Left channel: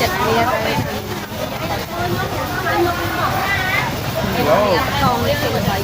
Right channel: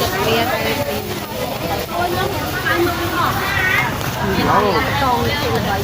chật bia đây con thì vậy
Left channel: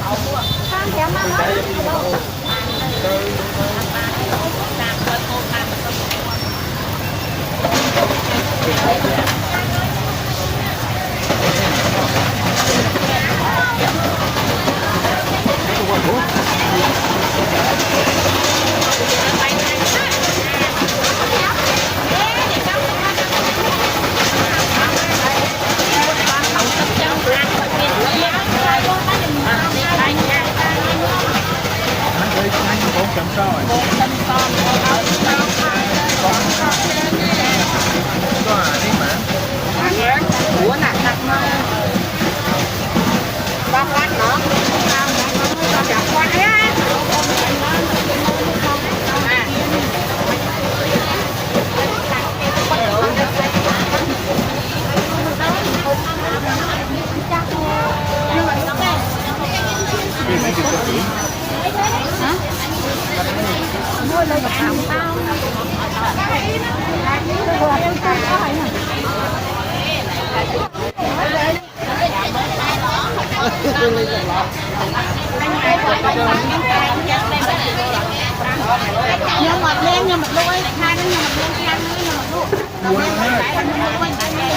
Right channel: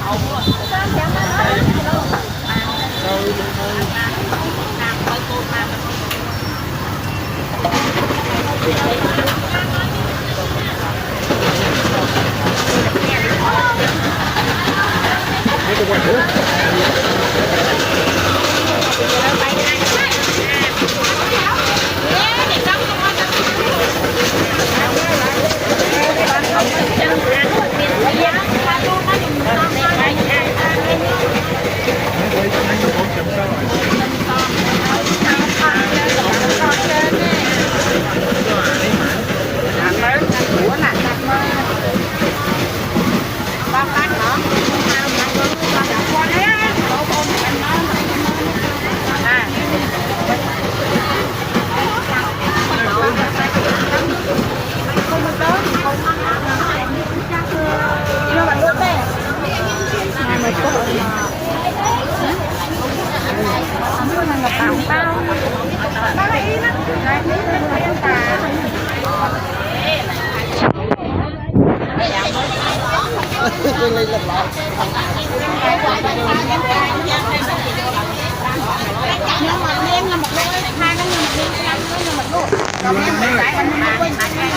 ủa nè con lát nữa lên lọc lọc nhưng mà lên nhưng mà đôi hai nó nhưng mà lên hai nó nhưng mà luôn rồi lên lại lại nó quên lại luôn